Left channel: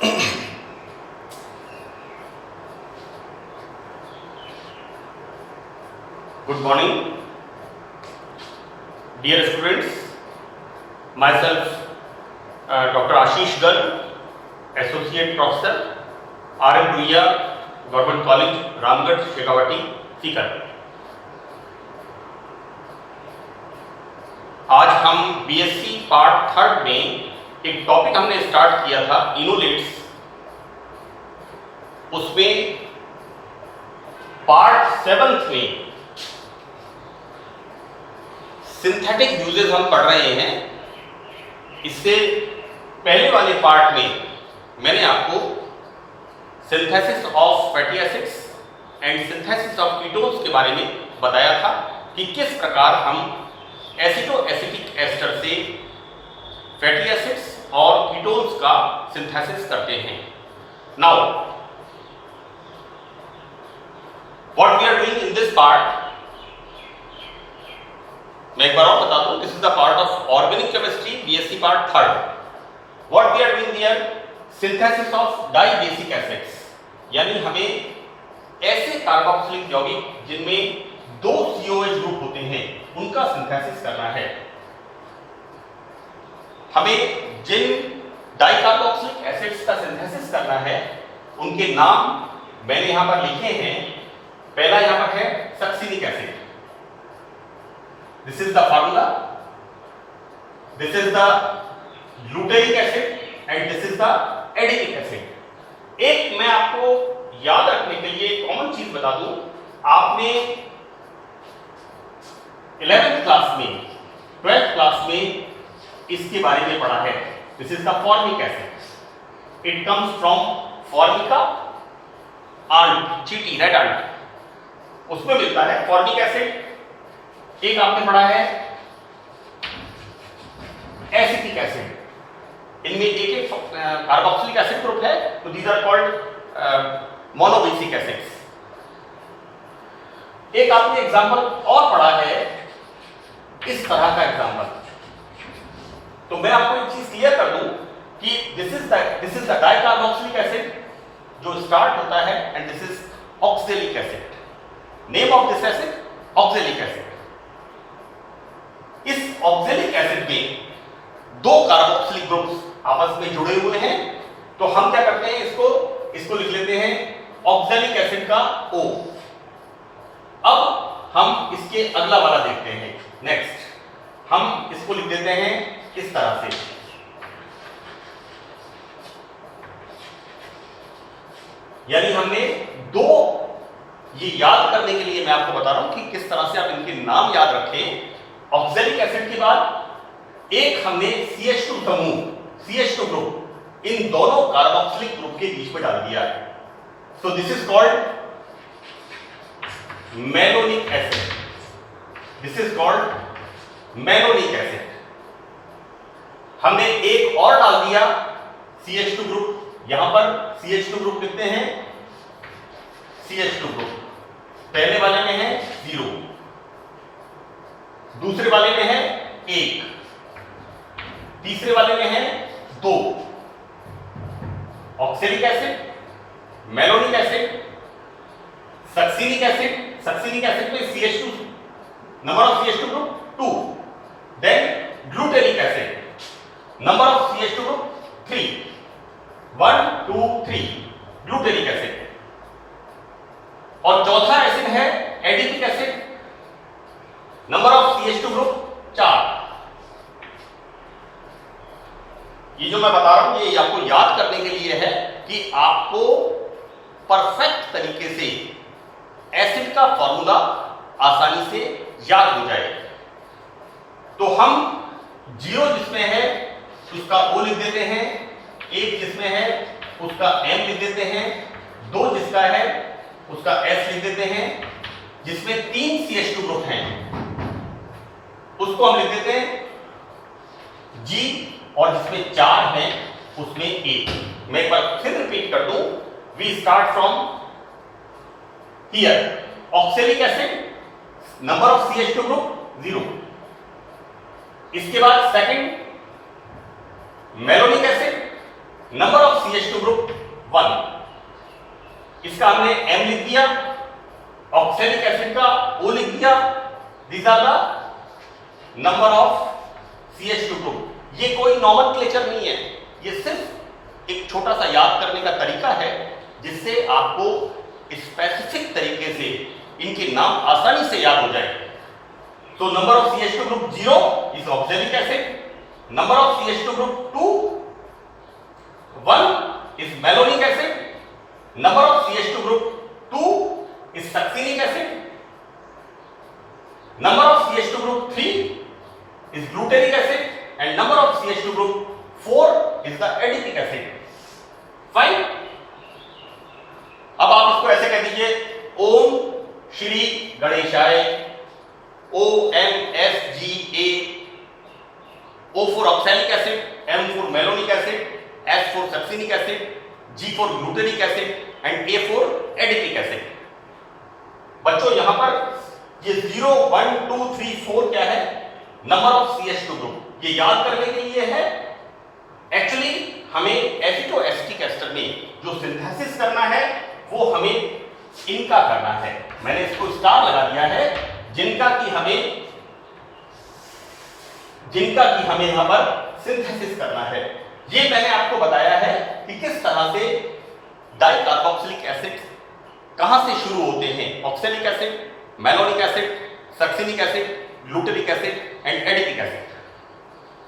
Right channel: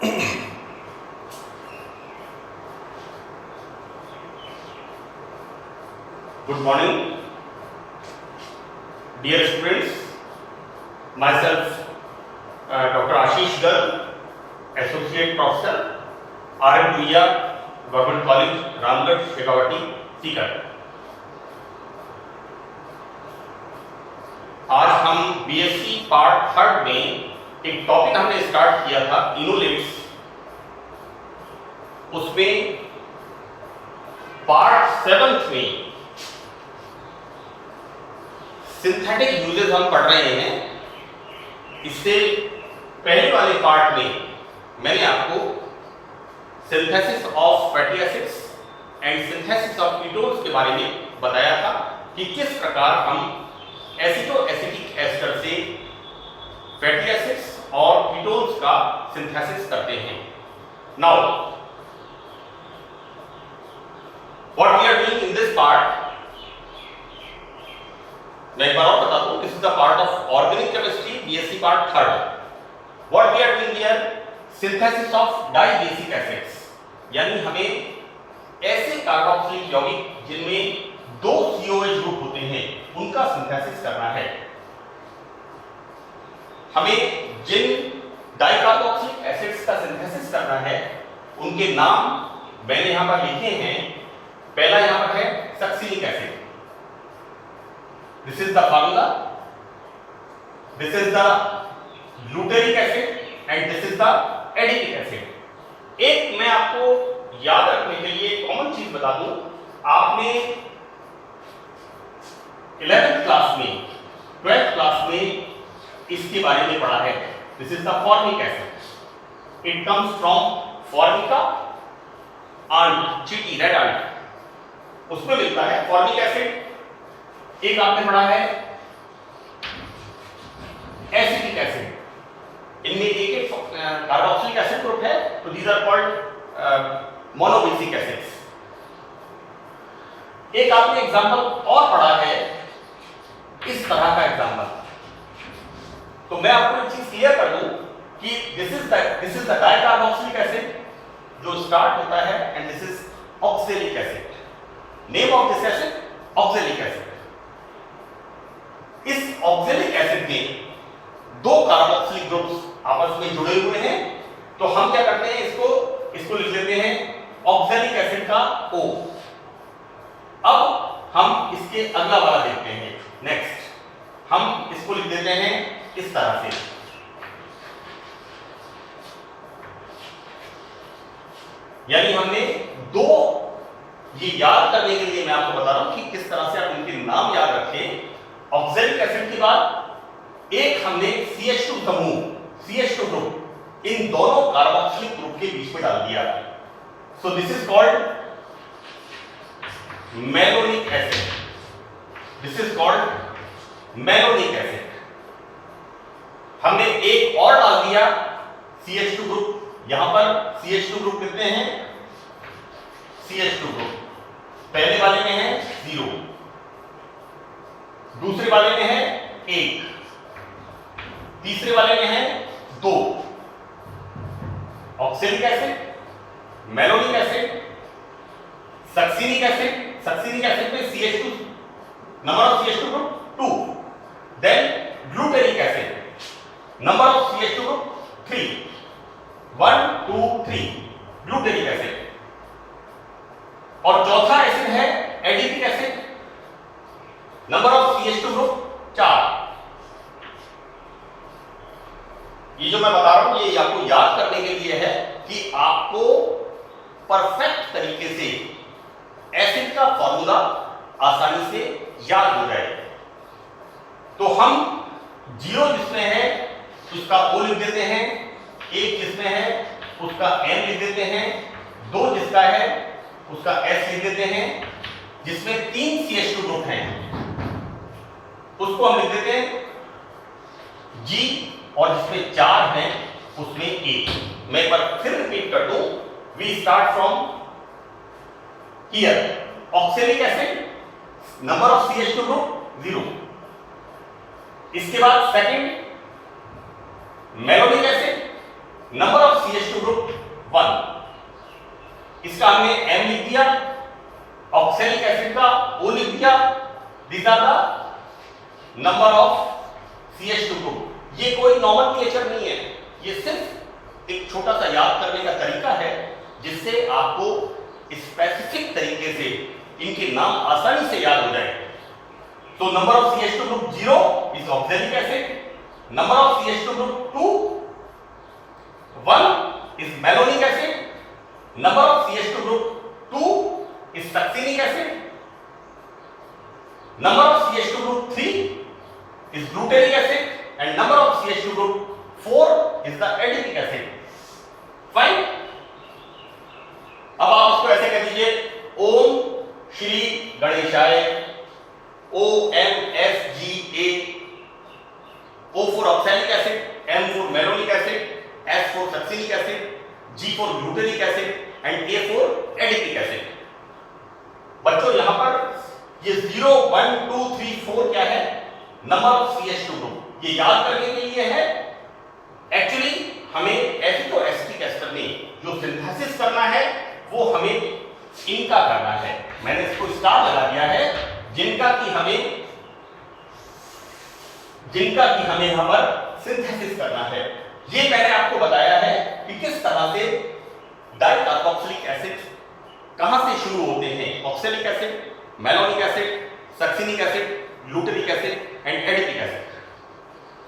Good morning, dear students. Myself, Dr. Ashish Garg, Associate Professor, R.M. Duia, Government College, Ramgarh, Shekhawati, Sikar. आज हम BSc part 3 में एक topic हमने start किया था इनोलेट्स, उसमें पार्ट 7 में सिंथेटिक यूजेस हम पढ़ रहे हैं। इससे पहले वाले पार्ट में मैंने आपको synthesis of fatty acids and synthesis of ketones के बारे में बताया था कि किस प्रकार हम एसिडो एसिटिक एस्टर से फैटी एसिड्स और कीटोन्स का सिंथेसिस करते हैं। Now what we are doing in this part, मैं एक बार और बता दूं, this is the part of organic chemistry, BSc part 3। What we are doing here, synthesis of dibasic acids, यानी हमें ऐसे कार्बोक्सिलिक यौगिक जिनमें 2 COH ग्रुप होते हैं उनका सिंथेसिस करना है। हमें जिन डाइकार्बोक्सिलिक एसिड्स का सिंथेसिस करना है उनके नाम मैंने यहां पर लिखे हैं। पहला यहां पर है सक्सिलिक acid, this is the formula, this is the glutaric acid and this is the adipic acid। एक मैं आपको याद रखने के लिए कॉमन चीज बता दूं, आपने 11th क्लास में 12th क्लास में इसके बारे में पढ़ा है। This is the formic acid, it comes from formica ant, चीटी, रेड आंट, उसमें मिलता है फॉर्मिक एसिड। एक आपने पढ़ा है एसिटिक एसिड, इनमें एक कार्बोक्सिलिक एसिड ग्रुप है, तो these are called monobasic acids. एक आपने एग्जांपल और पढ़ा है इस तरह का एग्जांपल, तो मैं आपको एक चीज क्लियर कर दूं कि this is the dicarboxylic acid जो स्टार्ट होता है and this is oxalic acid. Name of this acid oxalic acid. इस ऑक्सैलिक एसिड में 2 कार्बोक्सिलिक ग्रुप्स आपस में जुड़े हुए हैं, तो हम क्या करते हैं, इसको लिख लेते हैं ऑक्सैलिक एसिड का O। अब हम इसके अगला वाला देखते हैं, नेक्स्ट हम इसको लिख देते हैं इस तरह से। यानी हमने 2, ये याद करने के लिए मैं आपको बता रहा हूं कि किस तरह से आप इनके नाम याद रखें। ऑक्सैलिक एसिड के बाद एक हमने CH2 समूह, CH2 ग्रुप, इन दोनों कार्बोक्सिलिक ग्रुप के बीच में डाल दिया, so this is called malonic acid. This is called malonic acid. हमने एक और डाल दिया CH2 ग्रुप, यहां पर CH2 ग्रुप कितने हैं, CH2 ग्रुप पहले वाले में है 0, दूसरे वाले में है 1, तीसरे वाले में है 2। Oxalic acid, malonic acid, succinic acid. Succinic acid में CH2, number of CH2 group 2, then glutaric acid, number of CH2 group 3, 1 2 3 glutaric acid. और चौथा एसिड है adipic acid, number of CH2 group 4। ये जो मैं बता रहा हूं ये आपको याद करने के लिए है कि आपको परफेक्ट तरीके से एसिड का फॉर्मूला आसानी से याद हो जाए। तो हम 0 जिसमें है उसका O लिख देते हैं, 1 जिसमें है उसका M लिख देते हैं, 2 जिसका है उसका S लिख देते हैं, जिसमें 3 CH2 ग्रुप हैं उसको हम लिख देते हैं G, और जिसमें 4 हैं उसमें 1। मैं एक बार फिर रिपीट कर दूं, we start from here, oxalic acid, number of CH2 group 0, इसके बाद second malonic acid, number of CH2 group इसका हमने M लिख दिया, ऑक्सैलिक एसिड का O लिख दिया। These are the number of CH2 group. ये कोई नॉमेनक्लेचर नहीं है, ये सिर्फ एक छोटा सा याद करने का तरीका है जिससे आपको स्पेसिफिक तरीके से इनके नाम आसानी से याद हो जाए। तो number of CH2 group 0 is oxalic acid, number of CH2 group 2 1 is malonic acid, number of CH2 group 2 is succinic acid, number of CH2 group 3 is glutaric acid and number of CH2 group 4 is the adipic acid. Fine. अब आप इसको ऐसे कह दीजिए, ओम श्री गणेशाय, OMSGA, O for oxalic acid, M for malonic acid, S for succinic acid, G for glutaric acid and A for adipic acid. बच्चों यहां पर ये 0 1 2 3 4 क्या है? Number of CH2 group. ये याद करने के लिए है। एक्चुअली हमें एसिटोएसिटिक एस्टर में जो सिंथेसिस करना है वो हमें इनका करना है। मैंने इसको स्टार लगा दिया है, जिनका कि हमें यहां पर सिंथेसिस करना है। ये मैंने आपको बताया है कि किस तरह से डाइकार्बोक्सिलिक एसिड कहां से शुरू होते हैं, oxalic acid, malonic acid, succinic acid, glutaric acid and adipic acid.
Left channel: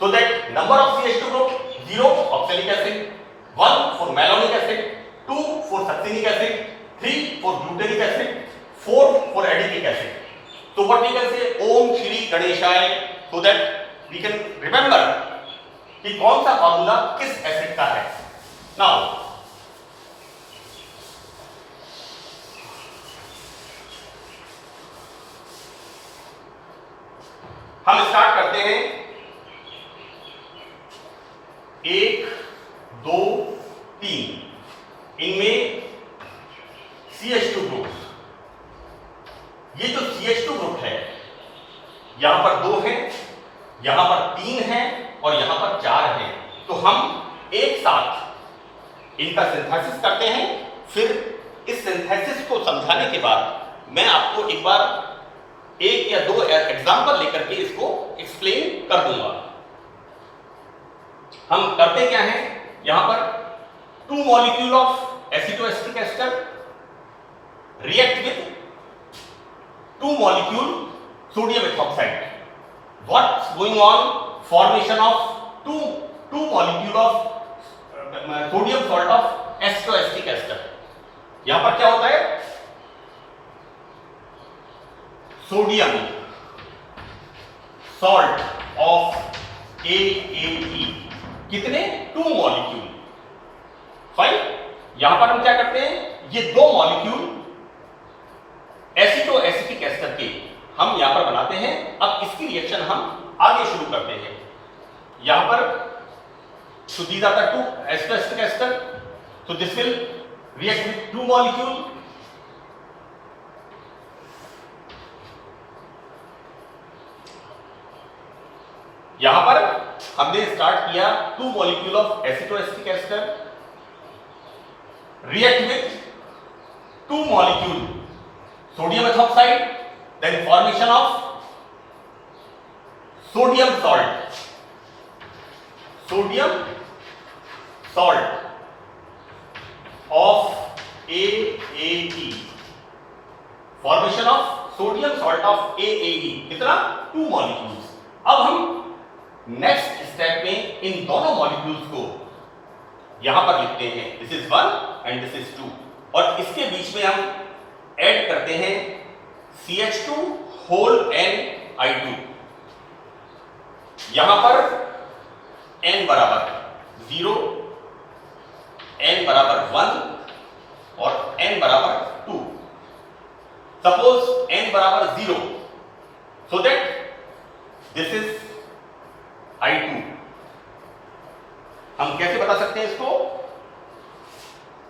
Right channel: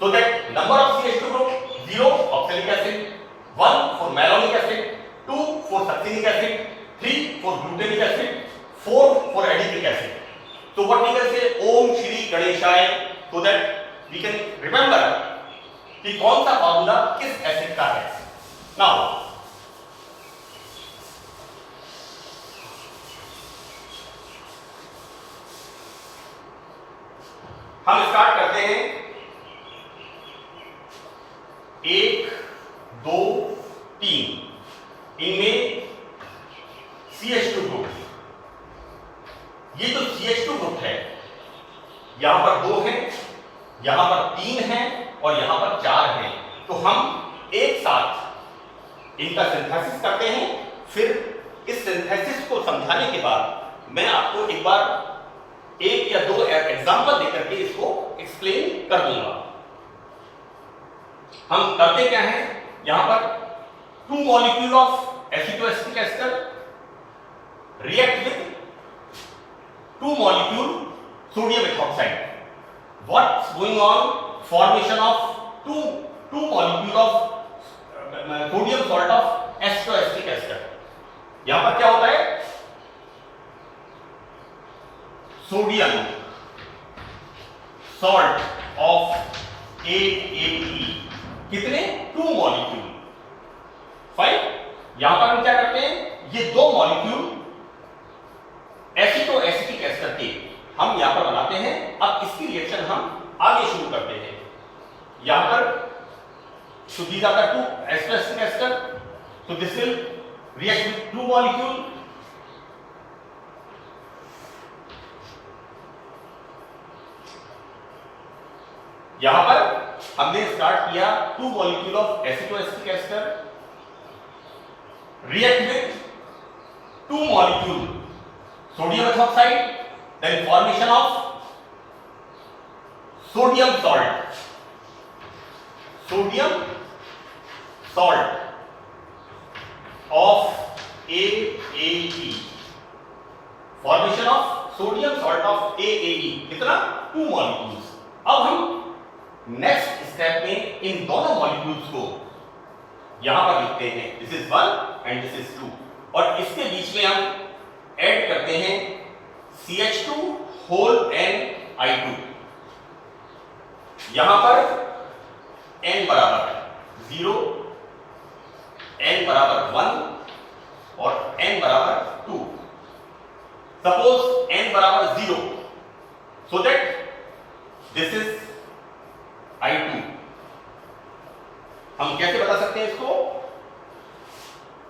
So that number of CH2 group 0 oxalic acid, 1 for malonic acid, 2 for succinic acid, 3 for glutaric acid, 4 for adipic acid. So what we can say, ओम श्री गणेशाय, so that we can remember कि कौन सा formula किस acid का है। Now हम start करते हैं 1 2 3 इनमें CH2 ग्रुप। ये जो CH2 ग्रुप है यहां पर 2 है, यहां पर 3 है और यहां पर 4 है। तो हम एक साथ इनका सिंथेसिस करते हैं। फिर इस सिंथेसिस को समझाने के बाद मैं आपको एक बार 1 या 2 एग्जांपल लेकर के इसको एक्सप्लेन कर दूंगा। हम करते क्या हैं, यहां पर 2 molecule of acetoacetic ester react with 2 molecule sodium ethoxide. What's going on? Formation of two molecule of sodium salt of acetoacetic ester. यहां पर क्या होता है, सोडियम सॉल्ट ऑफ AAE, कितने? 2 मॉलिक्यूल। फाइन। यहां पर हम क्या करते हैं, ये 2 मॉलिक्यूल एसिटोएसिटिक एस्टर के हम यहां पर बनाते हैं। अब इसकी रिएक्शन हम आगे शुरू करते हैं। यहां पर so these are the 2 acetoacetic ester, so this will react with 2 molecule। यहां पर हमने स्टार्ट किया 2 molecule of acetoacetic ester react with 2 molecule sodium ethoxide, then formation of sodium salt of AAE, formation of sodium salt of AAE, कितना? 2 molecules। अब हम next step में इन दोनों molecules को यहां पर लिखते हैं, this is 1 and this is 2, और इसके बीच में हम ऐड करते हैं CH2 होल NI2। यहां पर N बराबर 0, N बराबर 1 और N बराबर 2। सपोज N बराबर 0, so that this is I2। हम कैसे बता सकते हैं इसको?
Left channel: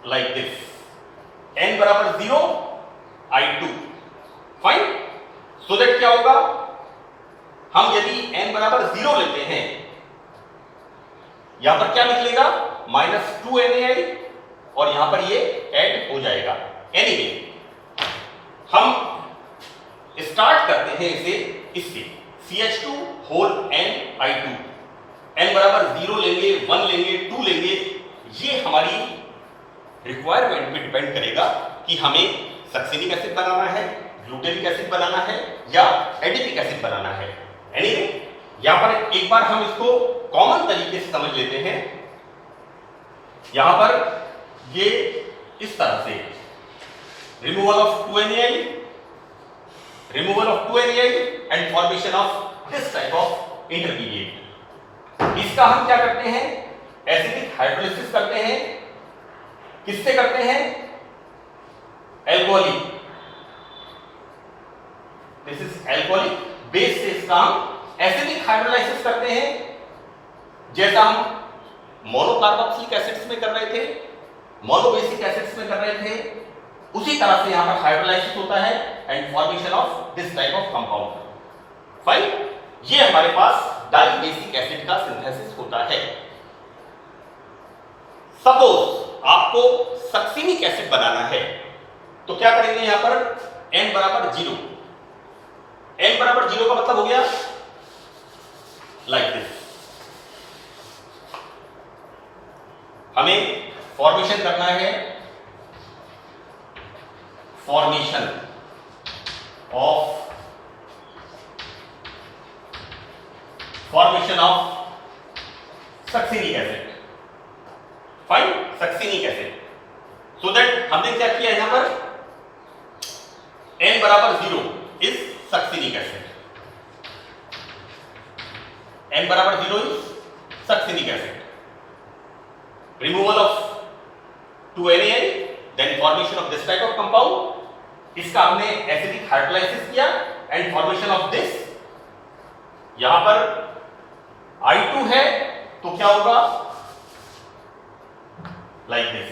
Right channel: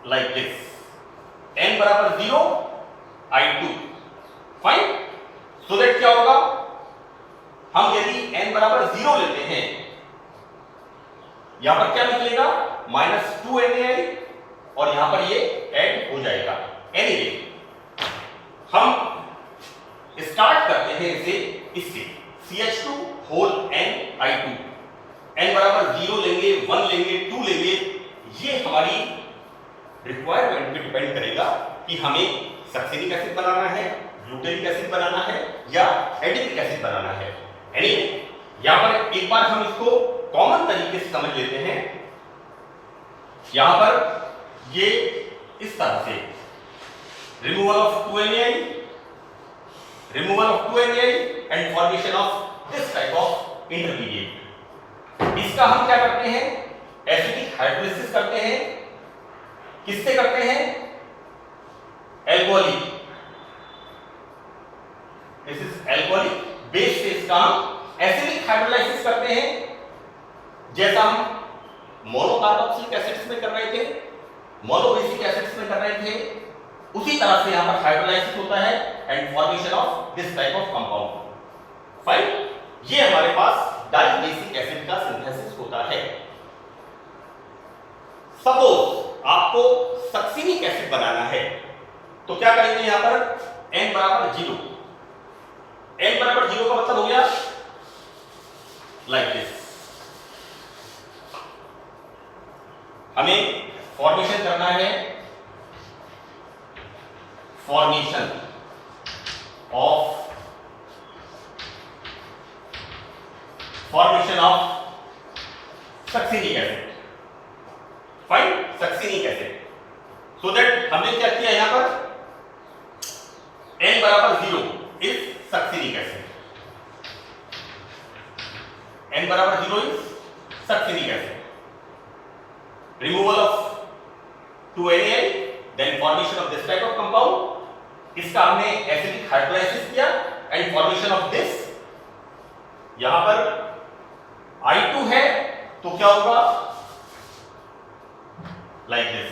लाइक दिस, N बराबर 0 I2। फाइन। सो दैट क्या होगा, हम यदि N बराबर 0 लेते हैं, यहां पर क्या निकलेगा? -2NaI, और यहां पर ये ऐड हो जाएगा। एनीवे हम स्टार्ट करते हैं इसे इससे CH2 n बराबर 0 लेंगे, 1 लेंगे, 2 लेंगे। ये हमारी रिक्वायरमेंट पे डिपेंड करेगा कि हमें सक्सिनिक एसिड बनाना है, ग्लूटेनिक एसिड बनाना है या एडिपिक एसिड बनाना है। एनीवे यहां पर एक बार हम इसको कॉमन तरीके से समझ लेते हैं। यहां पर ये इस तरह से removal of 2NaI and formation of this type of intermediate. इसका हम क्या करते हैं, एसिडिक हाइड्रोलिसिस करते हैं। किससे करते हैं, alcoholic, this is alcoholic base से इसका हम एसिडिक हाइड्रोलाइसिस करते हैं, जैसा हम मोनोकार्बोक्सिलिक एसिड्स में कर रहे थे, मोनोबेसिक एसिड्स में कर रहे थे, उसी तरह से यहां पर हाइड्रोलाइसिस होता है and formation of this type of compound. Fine, ये हमारे पास डाइबेसिक एसिड का सिंथेसिस होता है। सपोज आपको सक्सिनिक एसिड बनाना है तो क्या करेंगे, यहां पर n बराबर 0। n बराबर 0 का मतलब हो गया लाइक दिस। हमें फॉर्मेशन करना है, formation of succinic acid. Fine, succinic acid. So that हमने क्या किया, यहां पर n बराबर 0 इज सक्सिनिक एसिड, n बराबर 0 is succinic acid. Removal of 2NaI then formation of this type of compound. इसका हमने एसिडिक हाइड्रोलाइसिस किया एंड फॉर्मेशन ऑफ दिस। यहां पर I2 है तो क्या होगा, लाइक दिस।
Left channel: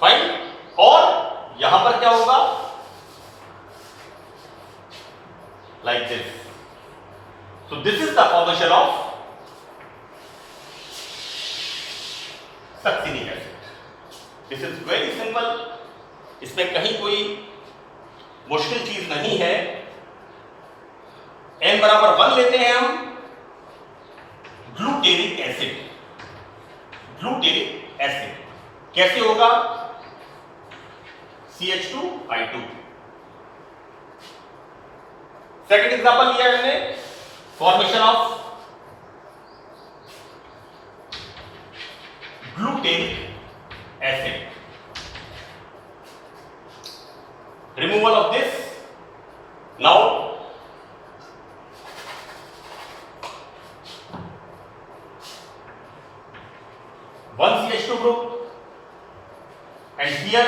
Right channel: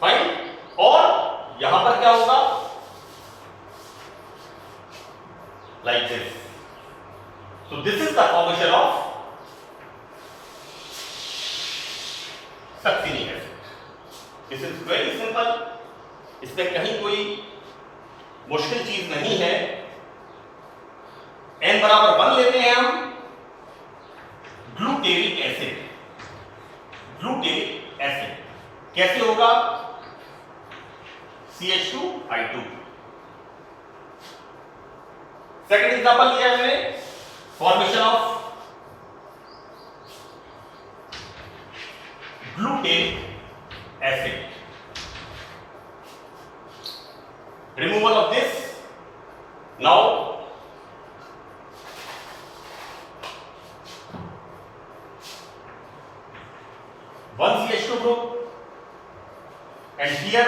फाइन, और यहां पर क्या होगा, like this. So this is the formation of succinic acid. This is very simple, इसमें कहीं कोई मुश्किल चीज नहीं है। n बराबर 1 लेते हैं हम, ग्लूटेनिक एसिड। ग्लूटेनिक एसिड कैसे होगा, CH2I2। सेकंड एग्जांपल लिया हमने, formation of glutaric acid, removal of this. Now 1 CH2 group and here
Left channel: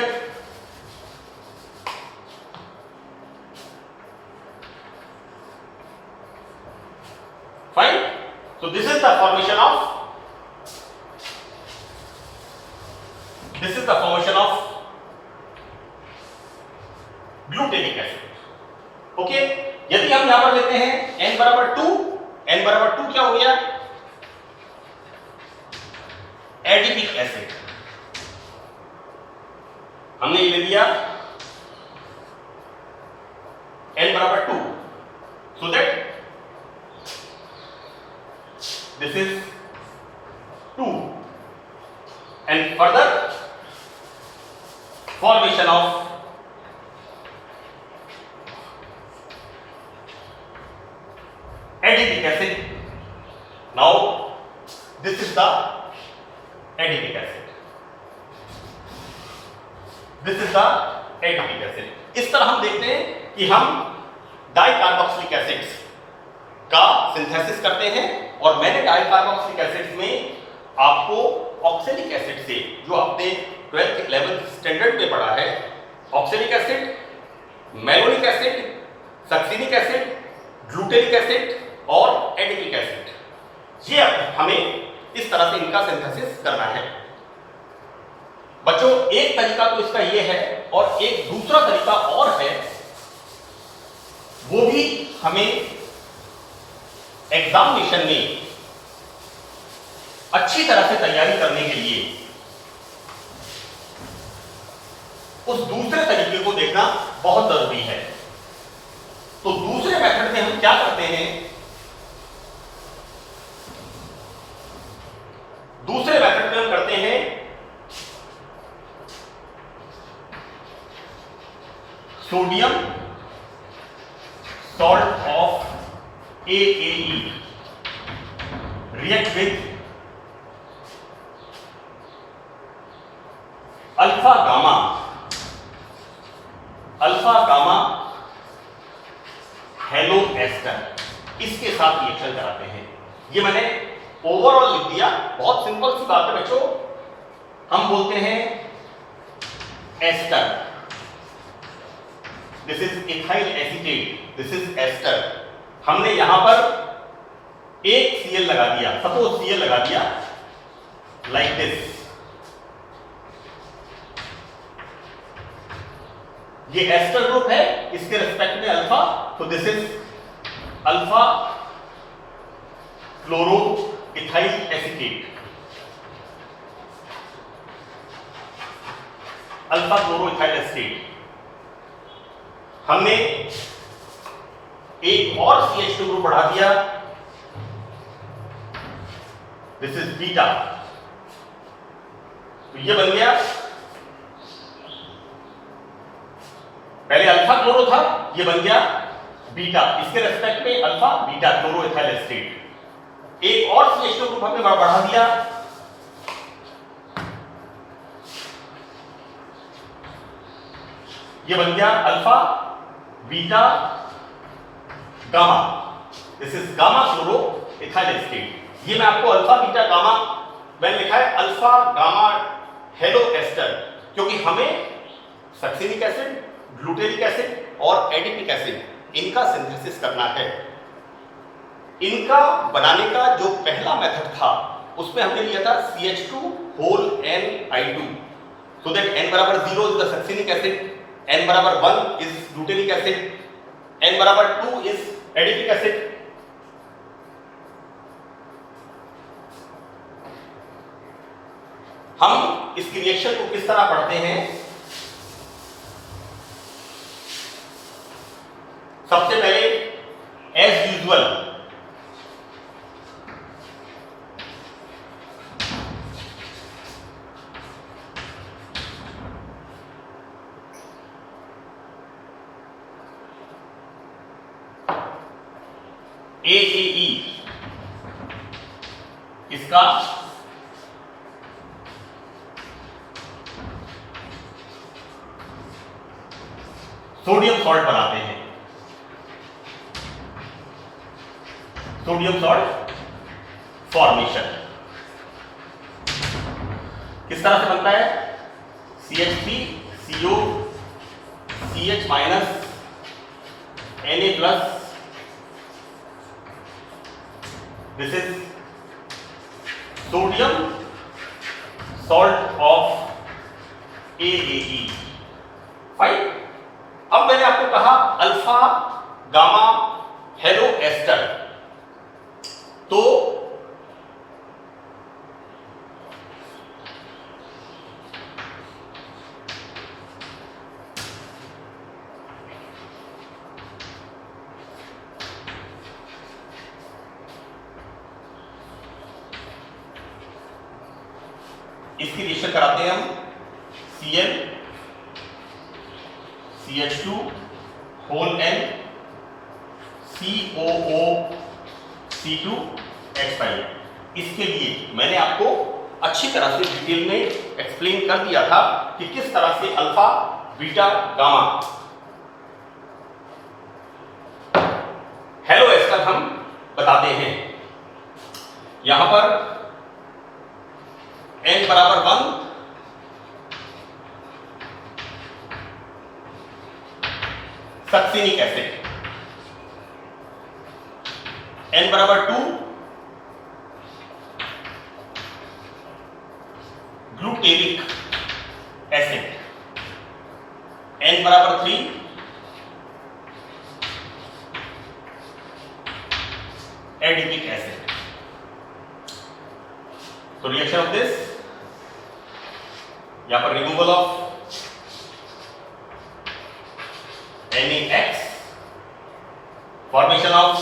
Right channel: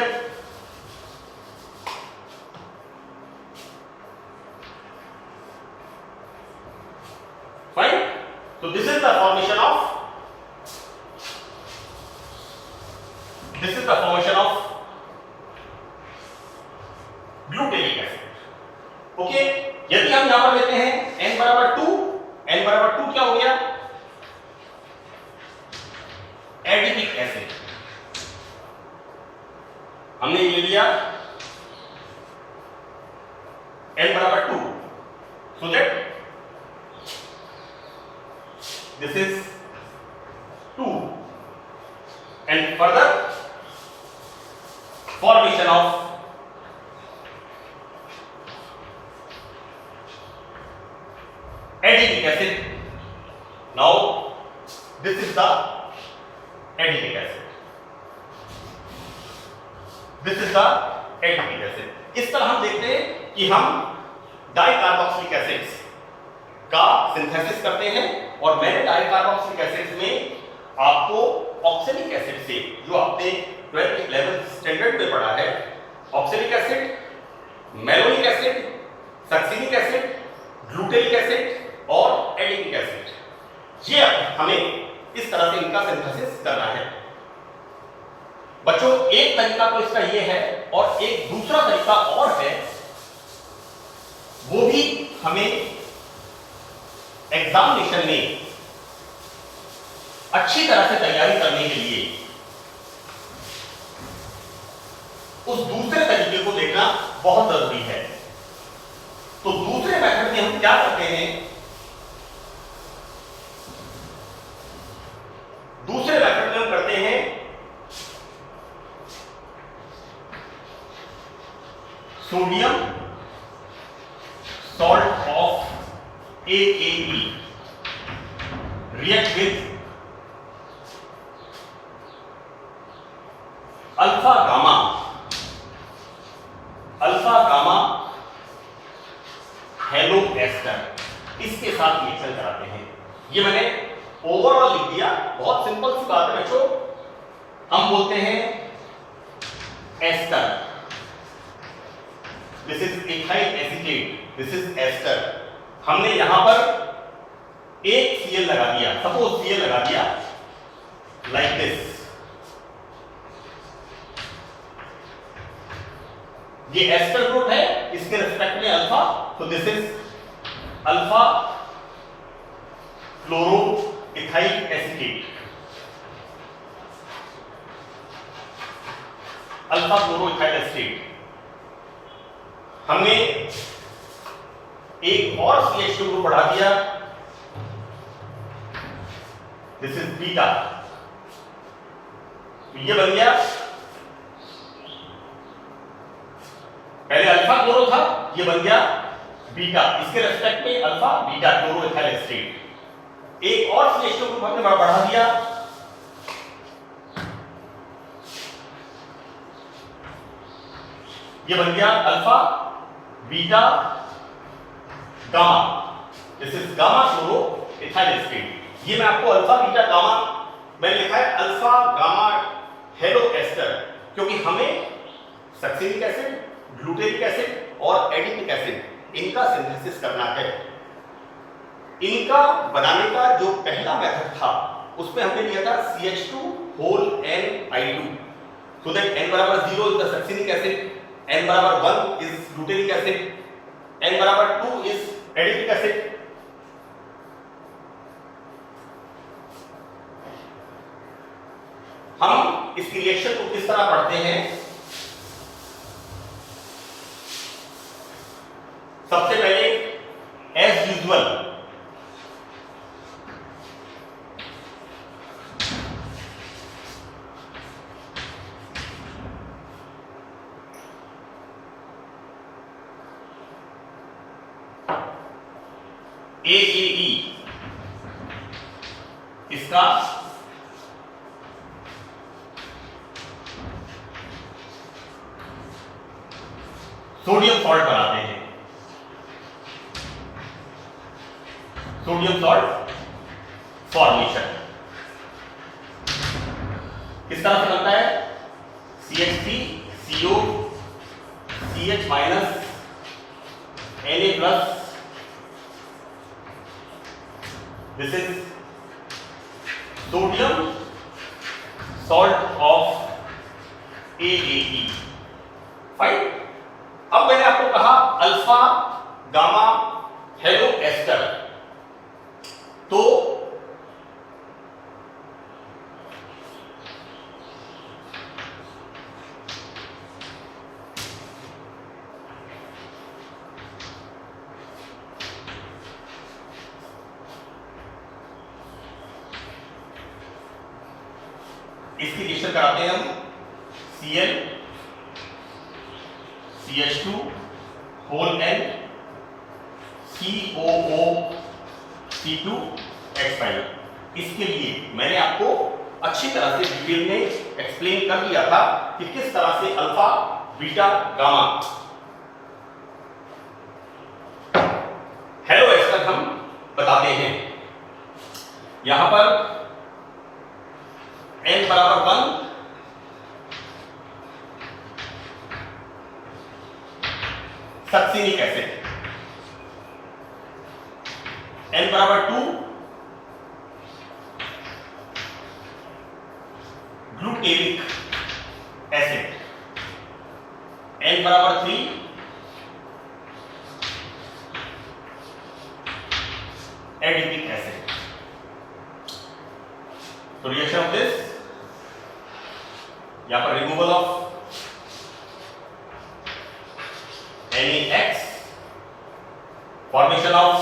fine. So this is the formation of glutaric acid. Okay, यदि हम यहां पर लेते हैं n बराबर 2, n बराबर 2 क्या हो गया, एडिपिक एसिड। हमने ये ले लिया n बराबर 2, so that this is 2 and further formation of adipic acid. Now this is the adipic acid, this is the adipic acid. इस तरह हम देखते हैं कि हम डाइकार्बोक्सिलिक एसिड्स का सिंथेसिस करते हैं, और मैंने डाइकार्बोक्सिलिक एसिड्स में आपको ऑक्सैलिक एसिड से, जो आपने 12th 11th स्टैंडर्ड में पढ़ा है, oxalic acid, malonic acid, succinic acid, glutaric acid और एडिपिक एसिड, ये हमें इस तरह से इनका सिंथेसिस करना है। बच्चों, एक तरीका तो इसका ये है, और एक दूसरा तरीका और है, वो भी हमें एग्जामिनेशन में अच्छी तरह से तैयारी करने के लिए उस दूसरे तरीके को देखना बहुत जरूरी है। तो दूसरे मेथड में हम क्या करते हैं, दूसरे मेथड में हम करते हैं sodium salt of AAE react with alpha gamma halo ester, इसके साथ रिएक्शन कराते हैं। ये मैंने ओवरऑल लिख दिया, बहुत सिंपल सी बात है बच्चों। हम बोलते हैं ester, this is ethyl acetate, this is ester. हमने यहां पर एक Cl लगा दिया, सपोज Cl लगा दिया लाइक दिस। ये एस्टर ग्रुप है, इसके रिस्पेक्ट में अल्फा, तो this is alpha chloro ethyl acetate, alpha chloro ethyl acetate. हमने एक और CH2 ग्रुप बढ़ा दिया, दिस इज बीटा, तो ये बन गया, पहले अल्फा क्लोरो था, ये बन गया बीटा, इसके रेस्पेक्ट में alpha beta chloro ethyl acetate. एक और CH2 ग्रुप हमने बढ़ा दिया, ये बन गया alpha beta gamma, this is gamma chloro ethyl acetate. ये मैं आपको अल्फा बीटा गामा मैंने लिखा है अल्फा गामा हेलो एस्टर, क्योंकि हमें सक्सिनिक एसिड, ग्लूटेरिक एसिड और एडिपिक एसिड इनका सिंथेसिस करना है। इनका बनाने का जो पहला मेथड था उसमें हमने लिया था CH2 whole NI2, so that N बराबर 0 is the succinic acid, N बराबर 1 is glutaric acid, N बराबर 2 is adipic acid। हम इस रिएक्शन को किस तरह पढ़ते हैं, सबसे पहले एज यूजुअल AAE इसका सोडियम सॉल्ट बनाते हैं, सोडियम सॉल्ट फॉर्मेशन किस तरह से बनता है, CH3CO CH minus Na plus, this is sodium salt of AAE, fine. अब मैंने आपको कहा अल्फा गामा हेलो एस्टर, तो इसकी रिएक्शन कराते हैं हम Cl CH2 whole N COO C2 H5। इसके लिए मैंने आपको अच्छी तरह से डिटेल में एक्सप्लेन कर दिया था कि किस तरह से alpha beta gamma halo ester हम बताते हैं। यहां पर N बराबर 1 सक्सिनिक एसिड, N बराबर 2 ग्लूटेरिक एसिड, N बराबर 3 एडिपिक एसिड। तो रिएक्शन ऑफ दिस, यहां पर removal of NaX, formation of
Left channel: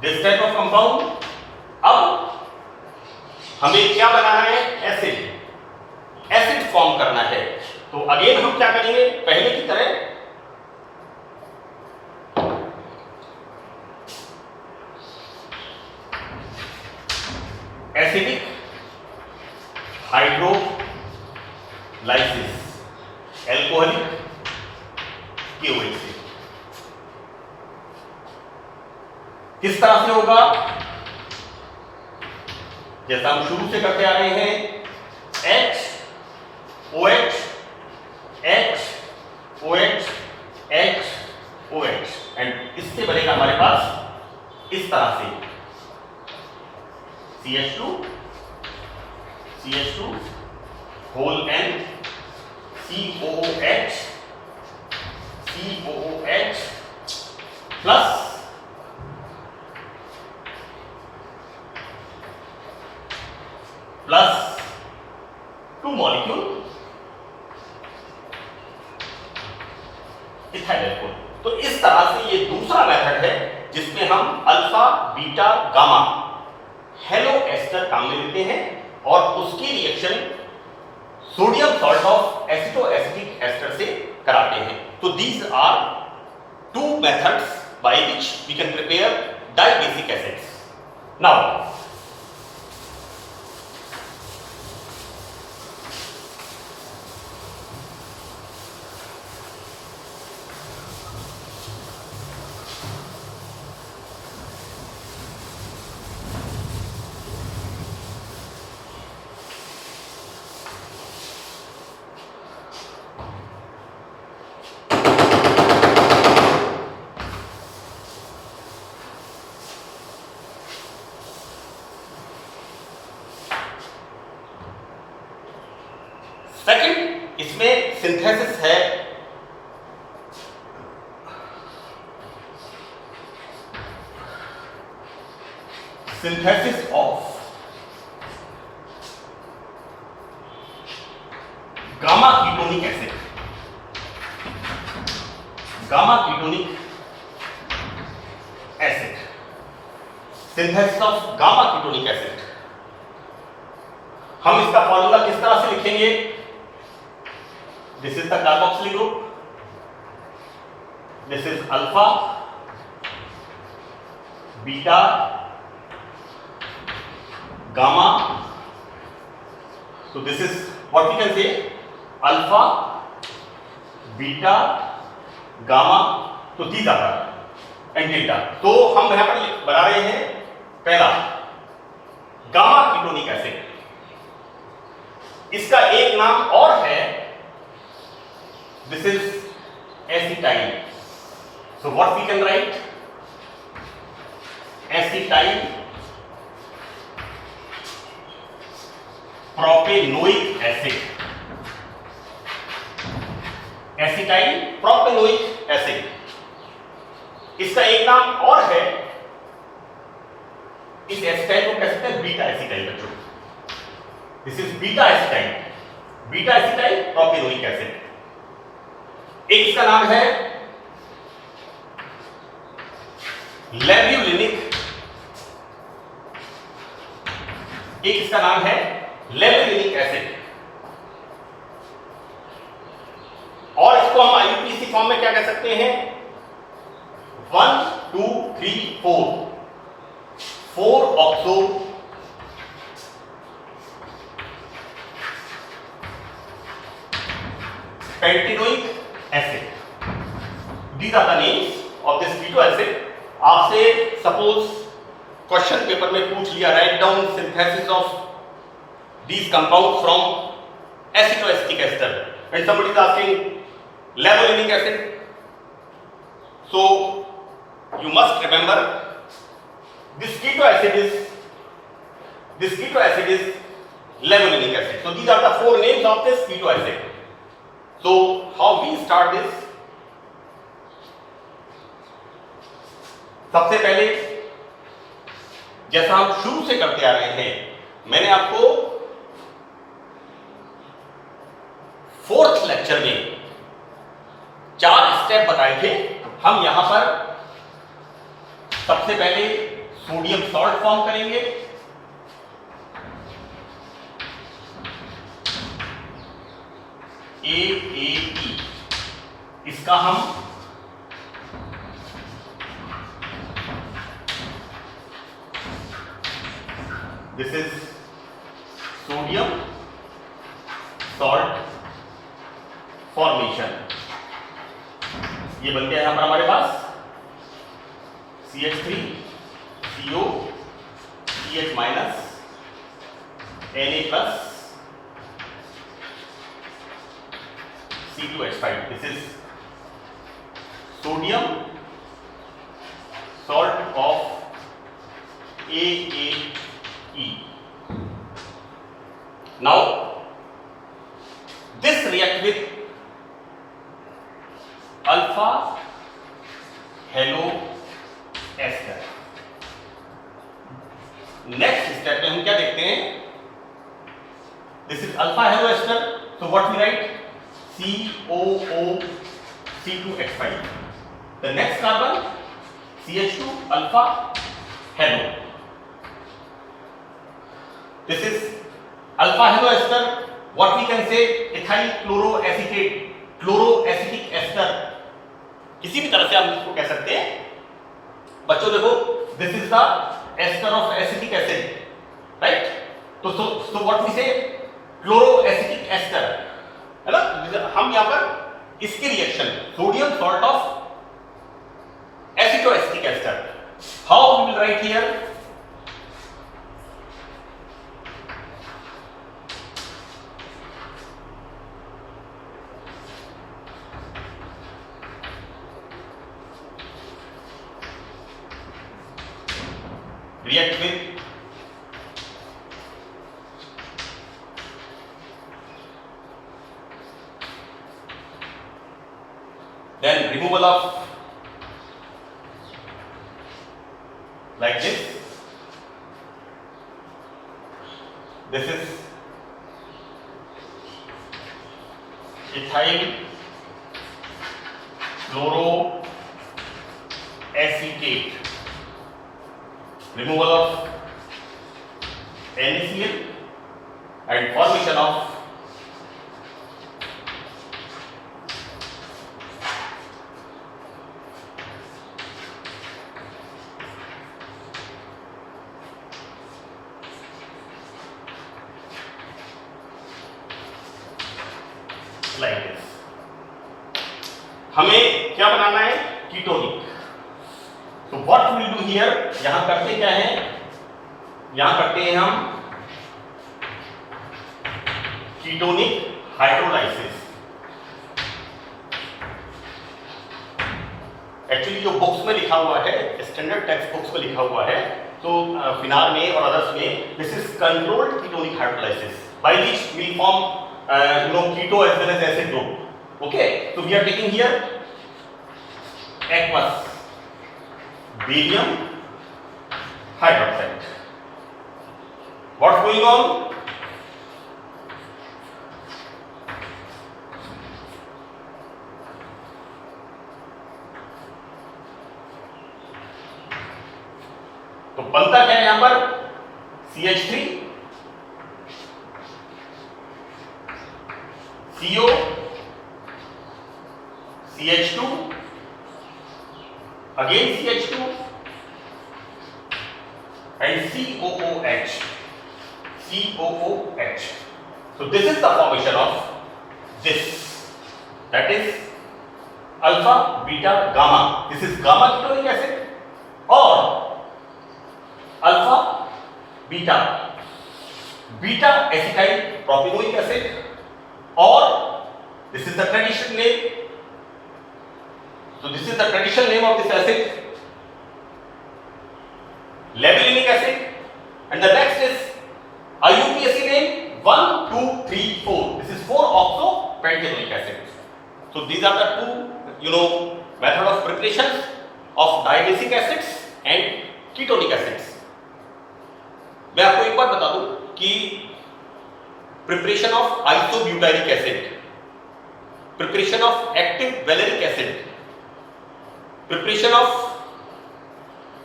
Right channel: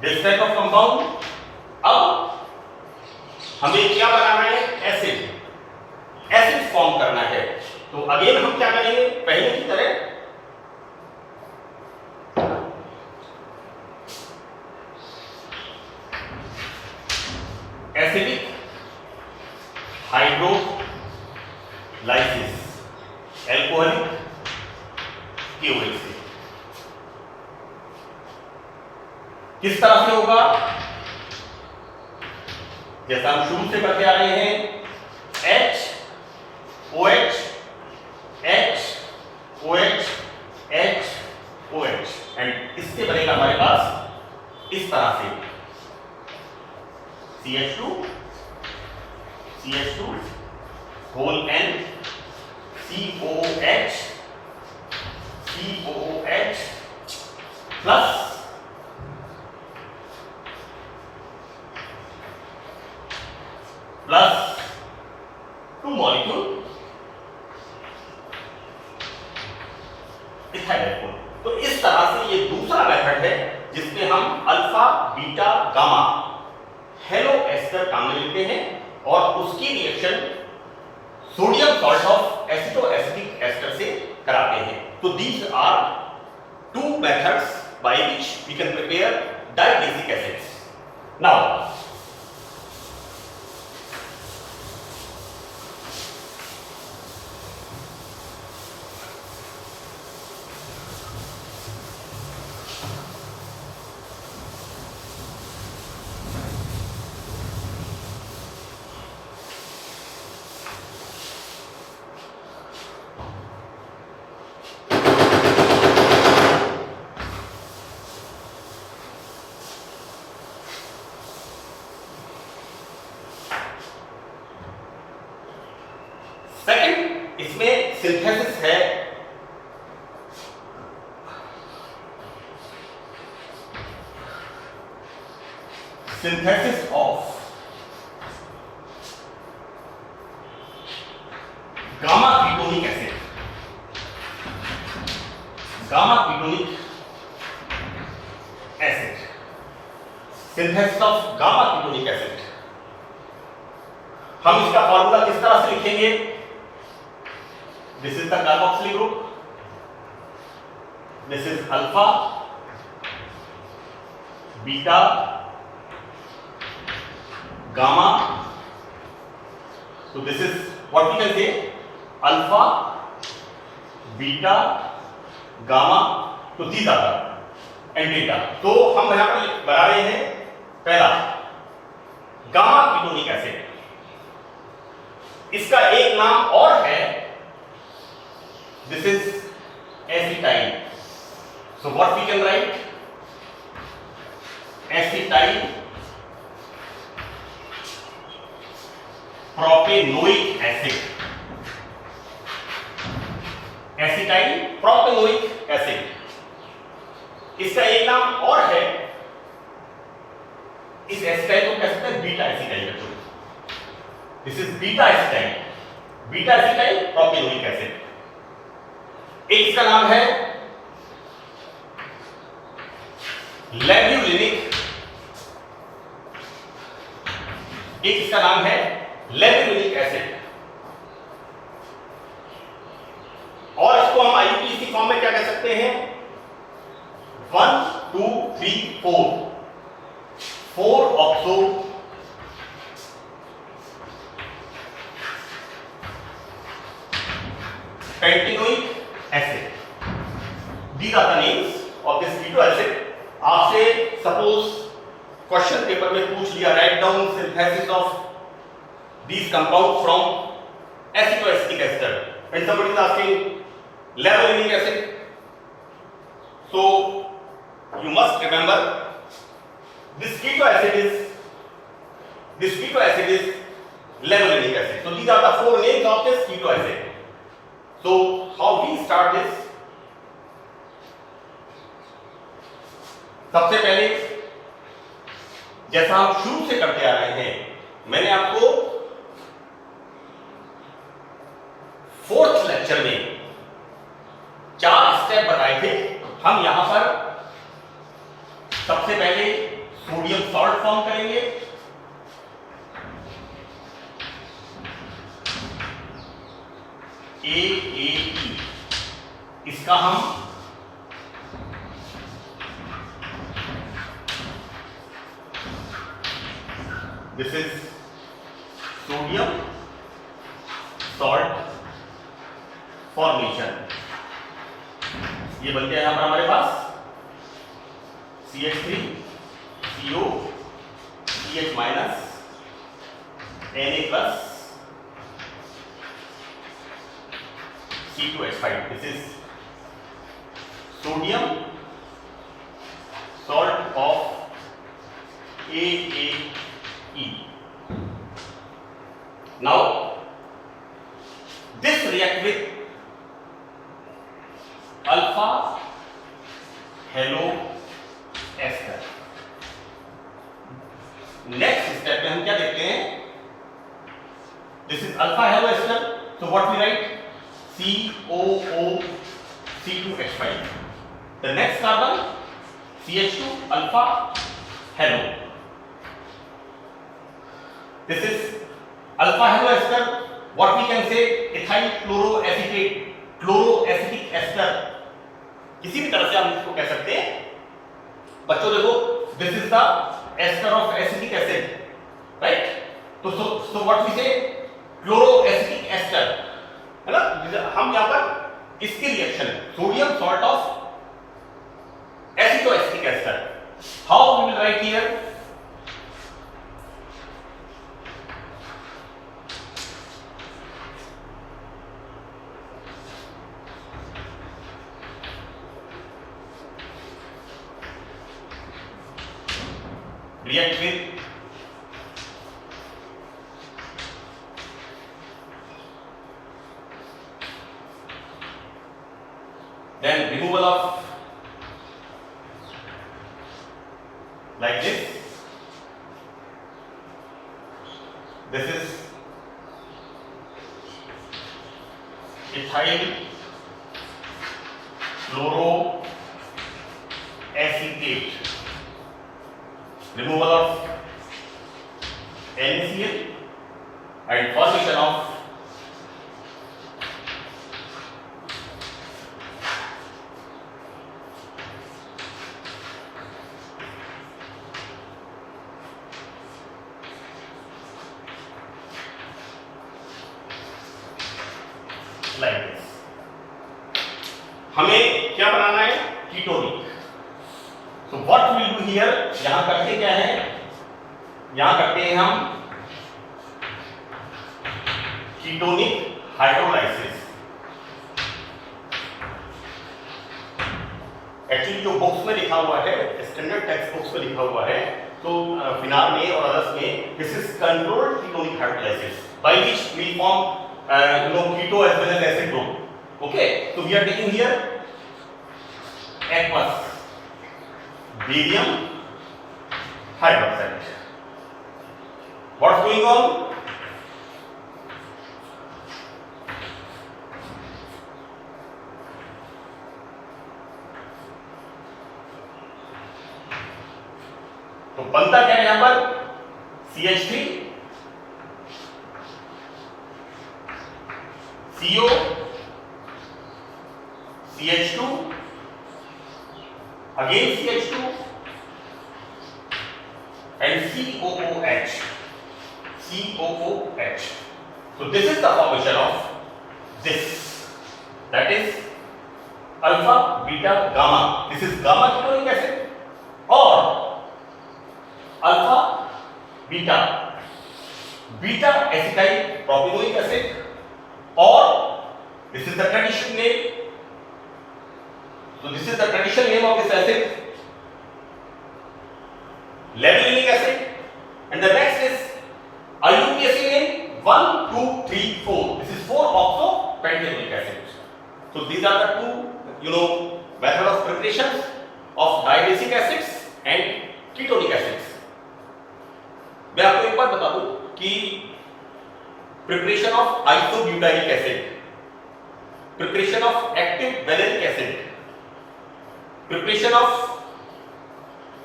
this type of compound. अब हमें क्या बनाना है? एसिड फॉर्म करना है। तो अगेन हम क्या करेंगे? पहले की तरह एसिडिक हाइड्रोलाइसिस, एल्कोहलिक KOH से। किस तरह से होगा? जैसा हम शुरू से करते आ रहे हैं, HOH HOH HOH एंड इससे बनेगा हमारे पास इस तरह से CH2 whole N COOH plus two molecule ethyl alcohol. तो इस तरह से ये दूसरा मेथड है जिसमें हम alpha beta gamma halo ester काम में लेते हैं और उसकी reaction sodium salt of aceto acetic ester से कराते हैं। तो these are two methods by which we can prepare dibasic acids. Now second, इसमें सिंथेसिस है synthesis of gamma ketonic acid, synthesis of gamma ketonic acid. हम इसका formula किस तरह से लिखेंगे? This is the carboxyl group. This is alpha, beta, gamma. So this is what we can say: alpha, beta, gamma. So these are the and delta. तो हम यहाँ पर बना रहे हैं पहला गामा कीटोनिक एसिड। इसका एक नाम और है, this is acetyl. So what we can write? Acetyl propanoic acid. Acetyl propanoic acid. इसका एक नाम और है, इस एसिटाइल को कह सकते हैं बीटा एसिटाइल बच्चों। This is beta acetyl propanoic acid. एक इसका नाम है लेब्यूलिनिक, एक इसका नाम है लेब्यूलिनिक एसिड, और इसको हम आईयूपीएसी फॉर्म में क्या कह सकते हैं? 1 2 3 4 oxo pentanoic acid. These are the names of this keto acid. आपसे सपोज क्वेश्चन पेपर में पूछ लिया, write down synthesis of these compounds from acetoacetic ester, and somebody is asking labellinic acid. So you must remember this keto acid is labellinic acid. So these are the four names of this keto acid. So how we start this? सबसे पहले जैसा हम शुरू से करते आ रहे हैं, मैंने आपको फोर्थ लेक्चर में 4 स्टेप बताए थे। हम यहां पर सबसे पहले सोडियम सॉल्ट फॉर्म करेंगे, AAE, इसका हम this is sodium salt formation. ये बन गया यहां पर हमारे पास CH3 CO CH minus Na plus C2H5। This is sodium salt of AAE। Now this react with alpha halo ester। Next step में हम क्या देखते हैं? This is alpha halo ester, so what we write? COO C2H5। the next carbon CH2 alpha halo। this is alpha halo ester, what we can say? ethyl chloroacetate, chloroacetic ester, किसी भी तरह से हम इसको कह सकते हैं। बच्चों देखो, this is the ester of acetic acid, right? तो so what we say chloroacetic ester, है ना? हम यहां पर इसके reaction sodium salt of acetoacetic ester, how we will write here? react with then removal of like this, this is ethyl chloroacetate, removal of NaCl and formation of like this। हमें क्या बनाना है? Ketonic. तो what will do here? यहां करते क्या है? यहां करते हैं हम कीटोनिक हाइड्रोलाइसिस। एक्चुअली जो बुक्स में लिखा हुआ है, स्टैंडर्ड टेक्स्ट बुक्स में लिखा हुआ है, तो फिनाल में और अदर्स में this is controlled ketonic hydrolysis by which we form keto as well as acid group। okay, so we are taking here aqueous barium hydroxide। what's going on? तो बनता क्या है यहां पर? CH3 CO CH2 again CH2 and COOH। so this is the formation of this, that is alpha beta gamma। this is gamma ketonic acid or alpha beta acetyl propanoic acid, or this is the traditional name। so this is the traditional name of this acid, labellinic acid, and the next is IUPAC name 1 2 3 4। this is 4 oxo pentanoic acid। So these are the two method of preparations of diabasic acids and ketonic acids. मैं आपको एक बार बता दूं कि preparation of isobutylic acid, preparation of active valeric acid, preparation of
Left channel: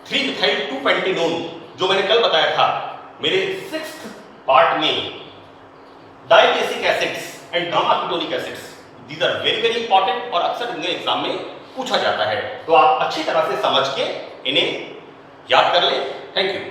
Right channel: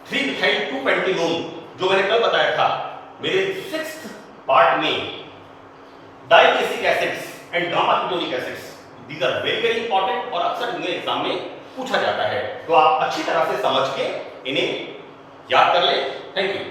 3-methyl-2-pentanone जो मैंने कल बताया था मेरे 6th पार्ट में, dibasic acids and gamma ketonic acids, these are very very important और अक्सर इन्हें एग्जाम में पूछा जाता है, तो आप अच्छी तरह से समझ के इन्हें याद कर ले। Thank you.